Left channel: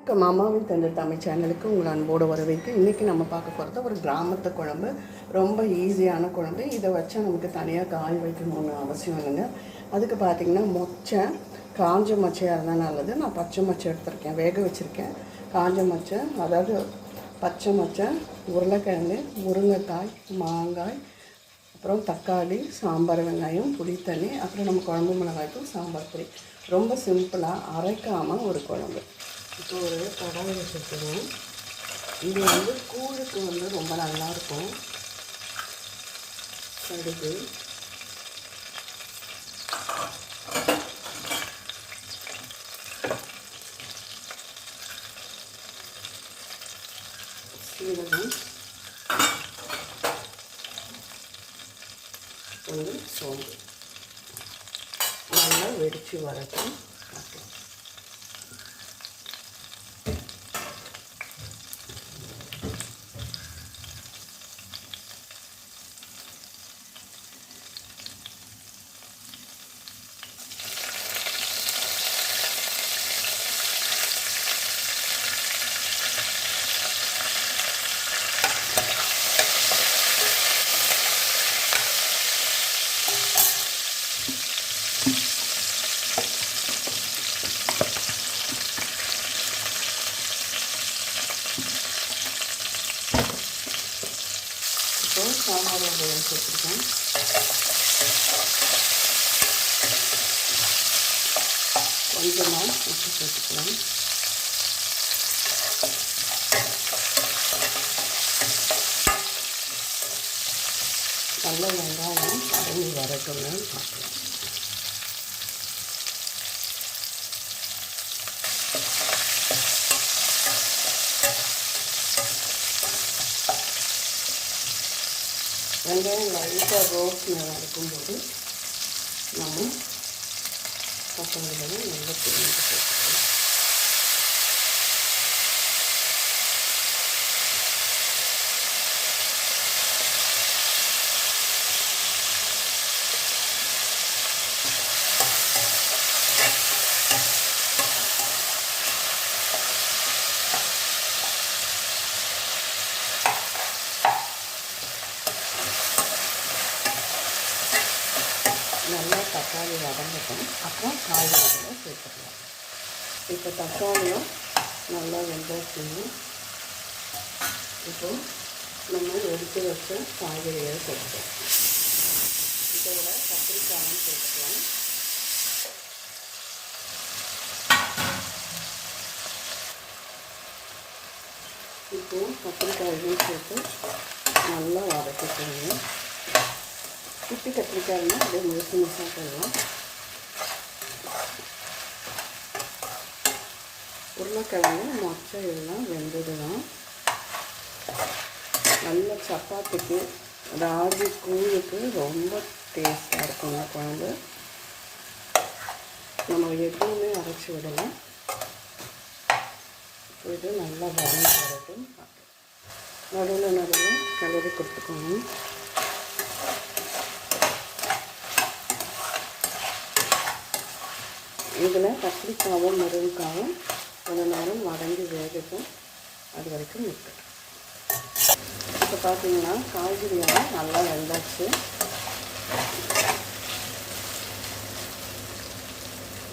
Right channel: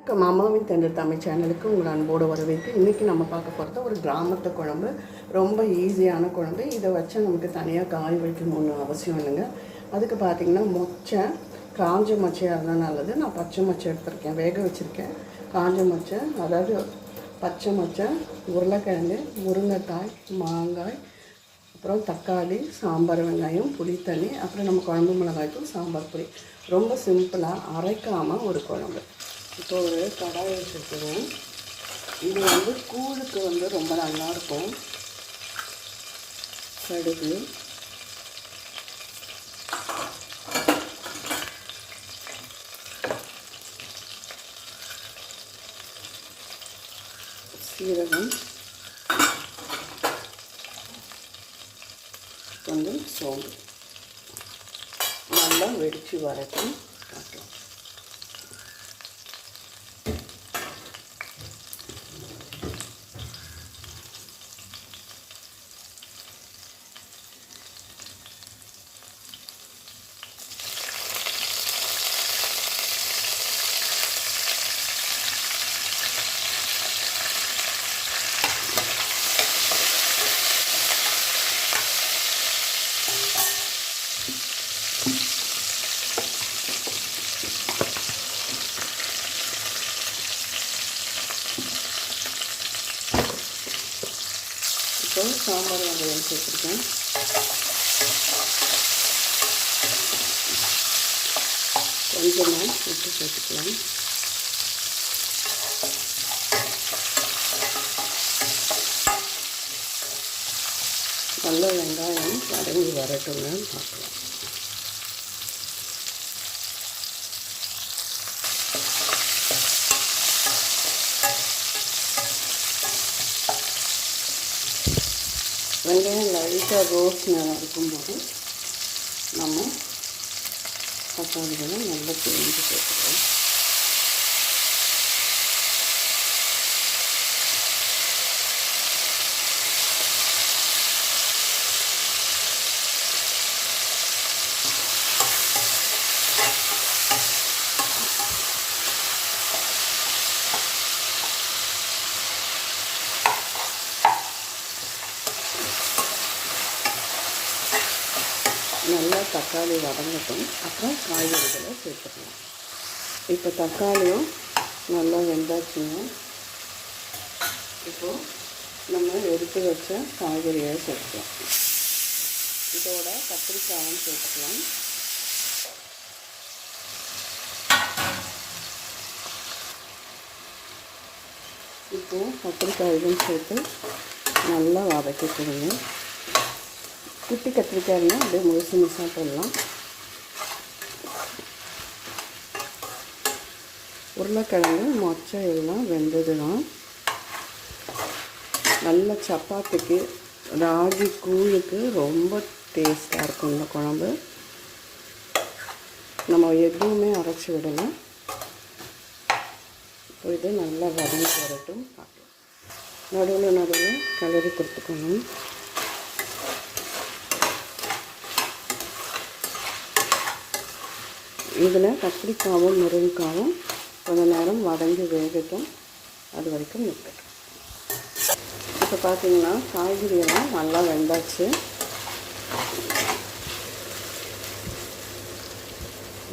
வணக்கம். மாமாவின் தந்த தமிழ் சேனலுக்கு உங்கள் அன்போடு வரவேற்கு இன்றைக்கி நம்ம பார்க்க போகிறது ஒரு கிராமத்து குழம்பு. ரொம்ப ஈஸியான குழம்பு. இதை வச்சு நமக்கு தனியாக காய் வைக்கணும்னு அவசியம் இல்லைங்க. அதுக்கு பார்த்தீங்கன்னா மொச்சை காஞ்ச மொச்சையாக இருந்தால் நல்லது. நான் பச்சை மொச்சை எடுத்திருக்கேன். வேக வச்சுருக்கேன். காஞ்ச மொச்சை அதாவது பச்சை மொச்சை உருளைக்கிழங்கு முருங்கைக்காய் மாங்காய் அப்புறம் தக்காளி சாம்பார் வெங்காயம் புளித்தண்ணி அப்புறம் நம்ம குழம்பு மிளகாய்க்கும் சாம்பார் பொடி. ரொம்ப சிம்பிளாக அரைக்காமல் ஒரு குழம்பு. இப்போ ஒரு கடாய் வச்சுருக்கோம் இது வந்து கூழுக்கு வந்து ரொம்ப நல்லாயிருக்கும். கடுகு. சீரகம். வந்து சோம்பு. நல்லா வெடித்து வரட்டும் பார்க்கலாம் இப்போ சாம்பார் வெங்காயம் சேர்த்துருக்கேன். கொஞ்சமாக உப்பு சேர்த்துக்கலாம். நல்ல வெங்காயம் வதங்கி வரட்டும்னு பார்க்கலாம். வெங்காயம் லைட்டாக ரோஸ் மேலே இருக்கும்போது நம்ம தக்காளிகளை நல்லா பிரிஞ்சு போட்டுக்கலாம். நல்லா தக்காளி வதங்கட்டும். அப்புறம் காய்கறிகளை சேர்த்துக்கலாம். இப்போ தக்காளியும் நல்லா வெந்தாச்சுங்க இப்போ நம்ம எடுத்து வச்ச காய்கறியை சேர்த்துக்கலாம். இதோட கத்திரிக்காயும் சேர்த்துக்கலாம். இப்போ கத்திரிக்காயும் சேர்த்து நல்லா வதக்கிக்கணும் குட்டி கத்திரிக்காய்னா அப்படியே முழுசு முழுசாக போடலாம். உருளைக்கிழங்கு மொச்சை இதெல்லாம் வெந்ததுலாம் நல்ல சப்பாத்திக்கு ராகி கூழுக்கு ரொம்ப டேஸ்ட்டாக இருக்கும் இந்த குழம்பு. நம்ம எதுவுமே அரைச்சி விடலாம் இது நல்லா வதங்கி வரட்டும். நடுவில் நடுவில் கலரி கொடுத்துக்கணும். இதில் கத்திரிக்காவும் முருங்கைக்காவும் கொஞ்ச நேரம் வதங்கி வேகட்டும். அது வரைக்கும் நிற்கட்டும் இப்போ பார்த்தீங்கன்னா காய்கறியெல்லாம் நல்லா வெந்தாச்சு.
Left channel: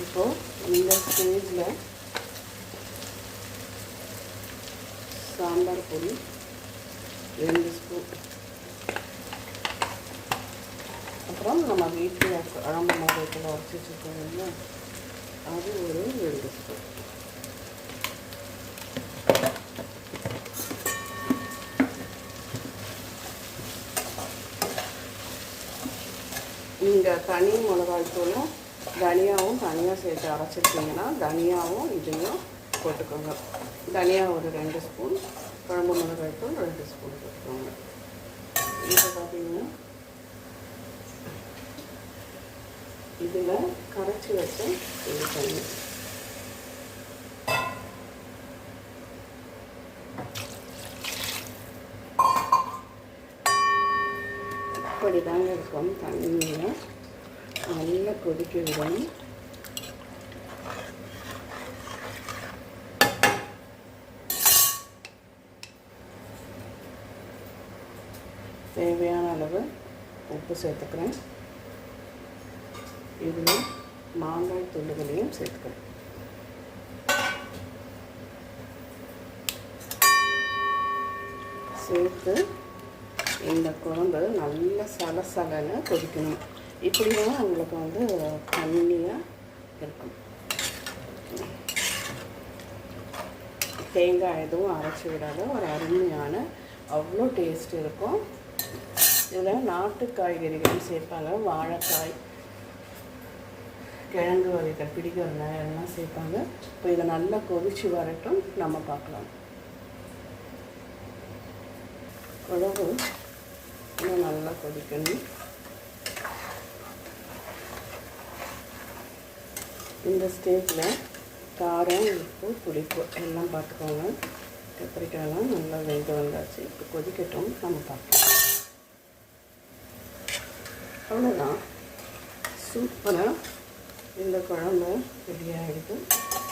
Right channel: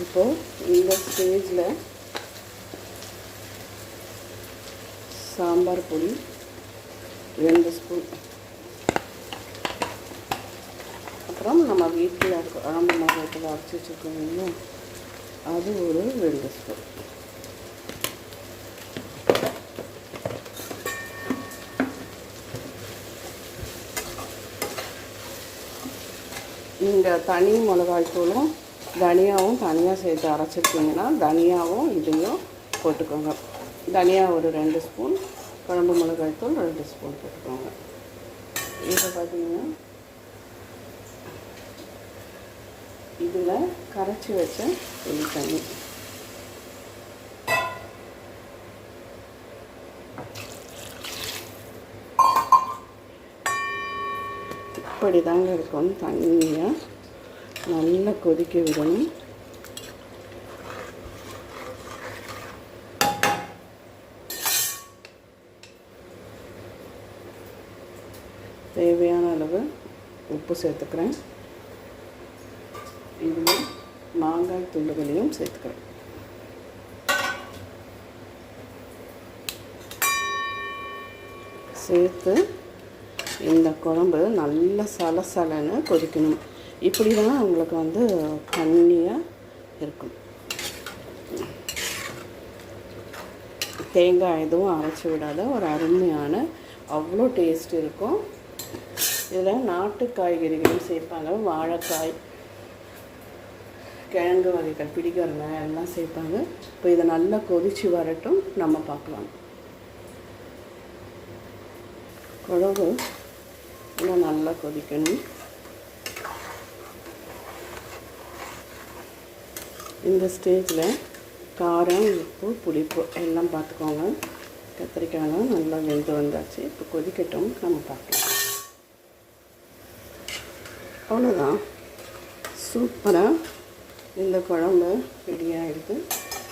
இப்போது இந்த ஸ்டேஜில் சாம்பார் பொடி ரெண்டு ஸ்பூன். அப்புறம் நம்ம வீட்டில் குழம்பு வீட்டில் அரைச்சி வச்சுருக்கோம் அது ஒரு ரெண்டு ஸ்பூன். நீங்கள் தனி மிளகாய்த்தூளும் தனியாவும் தனியாக சேர்த்து அரைச்சிருக்கீங்கன்னா தனியாவும் இதையும் போட்டுக்கோங்க. தனியா ஒரு ரெண்டு ஸ்பூன் குழம்பு மிளகாய் தூள் ரெண்டு ஸ்பூன் போட்டுக்கோங்க. இப்போ பார்த்தீங்கன்னா இதில் கரைச்சி வச்ச புளி தண்ணி. இப்படி தாங்க இருக்கும் தண்ணியை நல்லா கொதிக்க விடணும். தேவையான அளவு உப்பு சேர்த்துக்கிறேன். இதில் மாங்காய் துண்டுகளையும் சேர்த்துக்கிறேன் சேர்த்து இந்த குழம்பு நல்லா சலசலன்னு கொதிக்கணும். இப்படி தான் உங்களுக்கு வந்து தண்ணியாக இருக்கும். தேங்காய் எதுவும் அரைச்சி விடாத ஒரு அருமையான அவ்வளோ டேஸ்ட் இருக்கும். இதில் நாட்டு காய்கறிகளும் சேர்ப்பாங்க. வாழைக்காய் கிழங்கு வகைகள் பிடிக்கிறன எல்லாம் சேர்ப்பாங்க. இப்போ இதை நல்லா கொதிச்சு வரட்டும். நம்ம பார்க்கலாம். குழம்பு இன்னும் நல்லா கொதிக்கணும். இந்த ஸ்டேஜில் காரம் உப்பு புளிப்பு எல்லாம் பார்த்துக்கோங்க. கத்திரிக்காயும் நல்லா வெந்து வந்தாச்சு. இப்போ கொதிக்கட்டும். நம்ம பார்க்கலாம். அவ்வளோதான் சூப்பராக இந்த குழம்பு ரெடி ஆகிடுது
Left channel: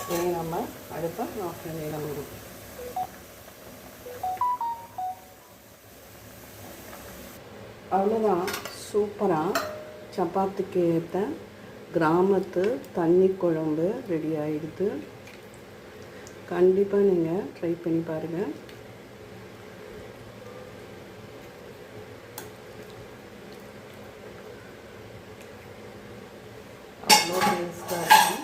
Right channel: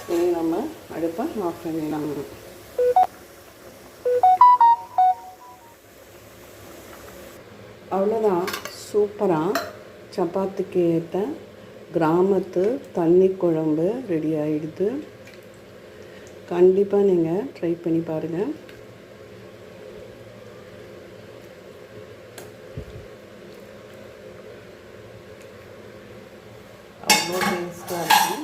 இனி நம்ம அடுப்பை ஆஃப் பண்ணிடலாம் அவ்வளோதான் சூப்பராக சப்பாத்திக்கு ஏற்ற கிராமத்து தண்ணி குழம்பு ரெடி ஆகிடுது கண்டிப்பாக நீங்கள் ட்ரை பண்ணி பாருங்கள் அவ்வளோ டேஸ்ட்டாக இருக்கும்